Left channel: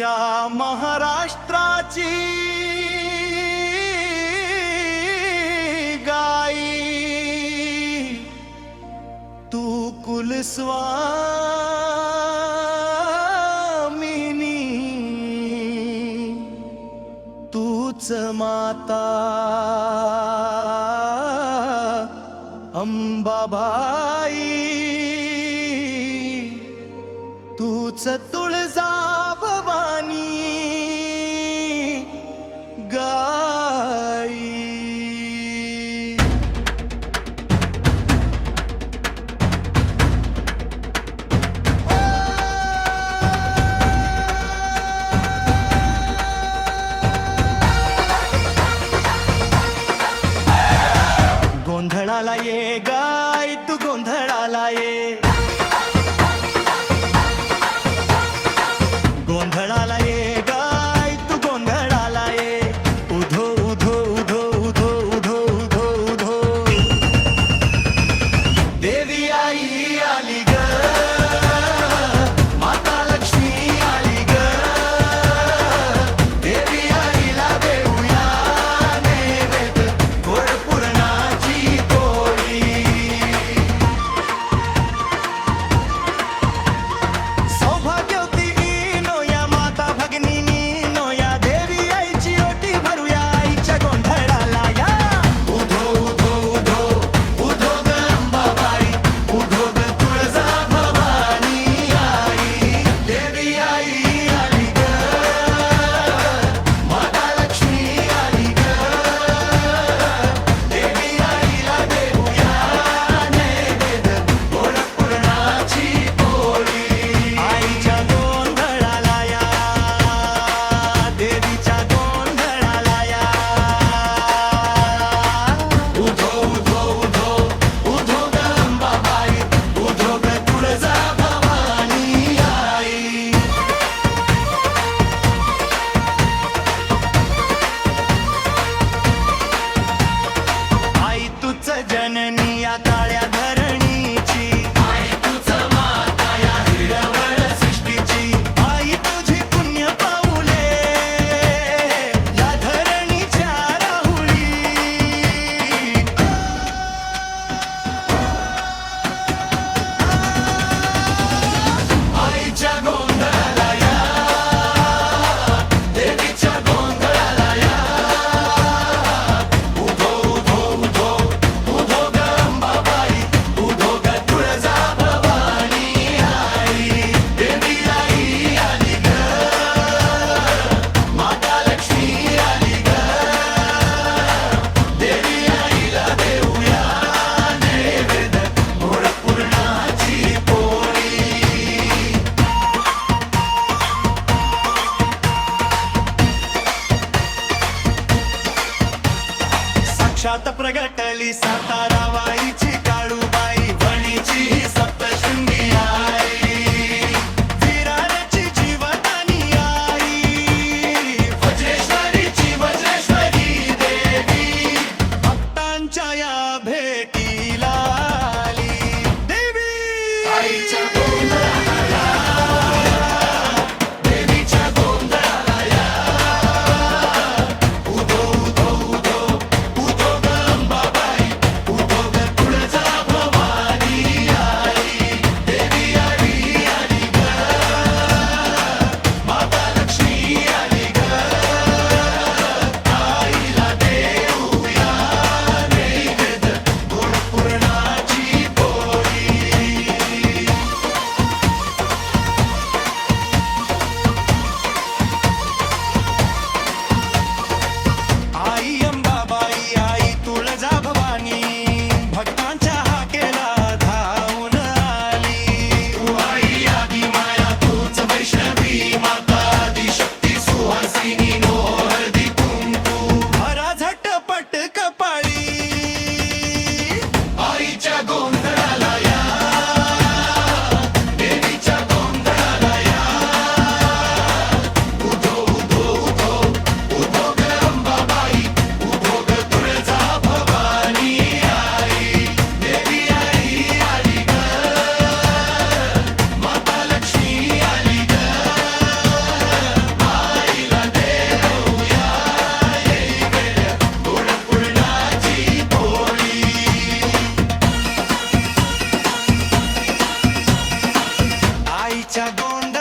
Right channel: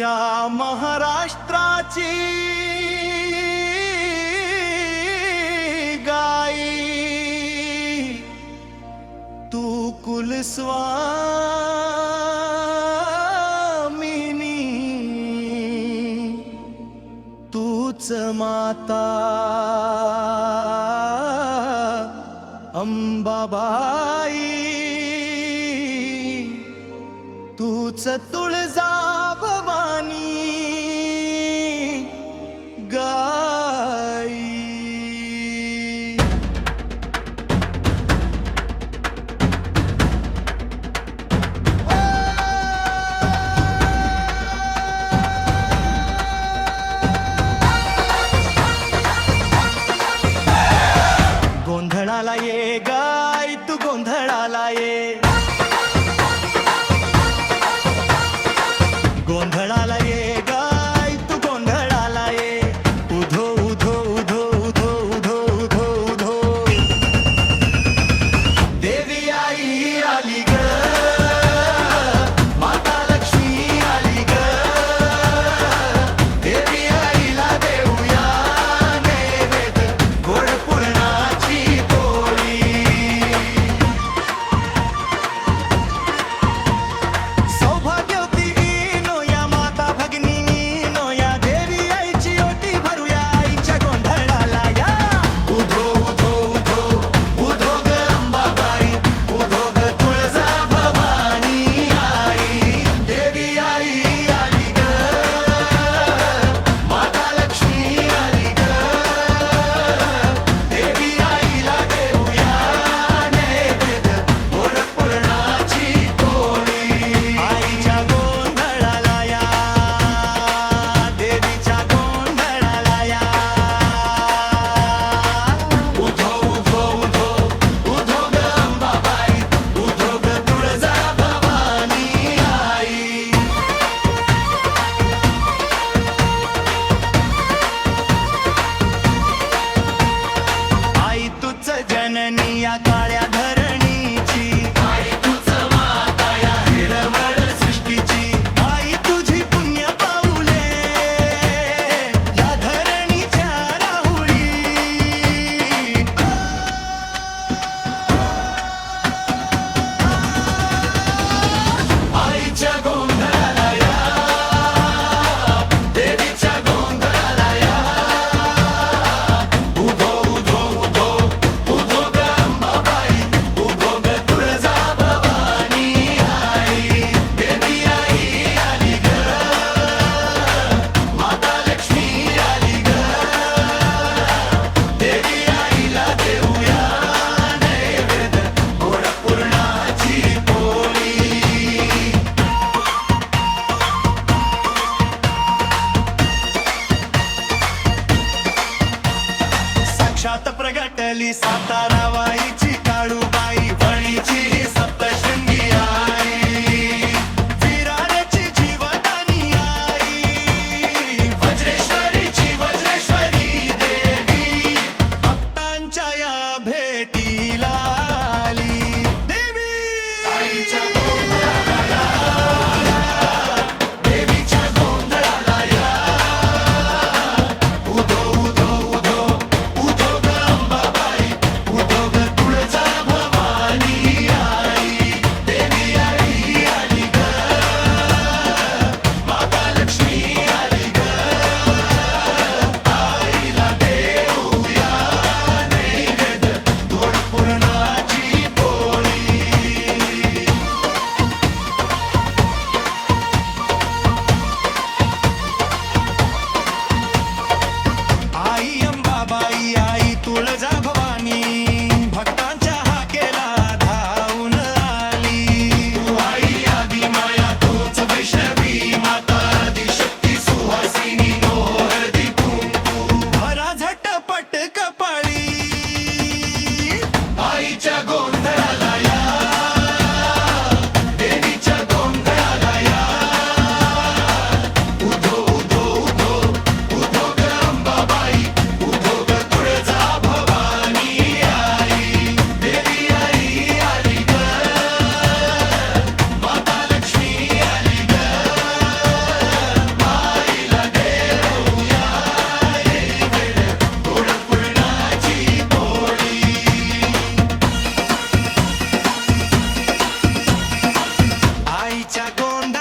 या महाराष्ट्राची गाई तू कुलस्वामिनी तूच माता अंबाबाई तूच तुळजा भवानी गाई. गोंधळाला ये गाय तू गोंधळाला ये, गोंधळाला ये गाय तू गोंधळाला ये. उधो उधो उधो उधो उधो उधो उधो देवी आई आली ग, माता लक्ष्मी आली ग. देवी आईला देऊया नैवेद्य गोड पुरणाची पोळी. सौभाग्यवती नो या माता भगिनी नो या देवी आईची ओटी भरूया आईच्या गोंधळाला या. उधो उधो उधो उधो ग अंबाबाई उधो ग तुळजा भवानी आई. देवी आई आली ग, माता लक्ष्मी आली ग. देवी आईला देऊया नैवेद्य गोड पुरणाची पोळी. आईच्या गोंधळाला या, देवीच्या गोंधळाला या. उधो उधो उधो उधो ग अंबाबाई उधो ग तुळजा भवानी आई. आई तूच जननी या काळ्या धरणीची, आई तूच माता या हिरवळ सृष्टीची. आई तुझी पुण्य पाऊले या धरणीच्या राहुळी. आईच्या गोंधळाला या, देवीच्या गोंधळाला या. उधो उधो उधो उधो ग अंबाबाई उधो ग तुळजा भवानी आई. देवी आई आली ग, माता लक्ष्मी आली ग. देवी आईला देऊया नैवेद्य गोड पुरणाची पोळी. साक्षात प्रगटली सातारा वाईची काळूबाई वणीची ही सप्तशृंगी आई. विराराची जीवदानी आई, वज्रेश्वरीची वज्रेश्वरी देवी भक्तांच्या या भेटीला आली. देवी आईच्या गोंधळाला या, देवीच्या गोंधळाला या. उधो उधो उधो उधो ग अंबाबाई उधो ग तुळजा भवानी आई. देवी आई आली ग, माता लक्ष्मी आली ग. आईला देऊया नैवेद्य गोड पुरणाची पोळी. आई अंबाबाई आई तुळजा भवानी भक्तांच्या हाकेला धावून आली. तू आई आदी माया तूच वैष्णवी माता आदिशक्ती सुहासिनी नो हळदी कुंकू भरा झटपट कपाळी. आईच्या गोंधळाला या, देवीच्या गोंधळाला या. उधो उधो उधो उधो ग अंबाबाई उधो ग तुळजा भवानी आई. देवी आई आली ग, माता लक्ष्मी आली ग. आईच्या गोंधळाला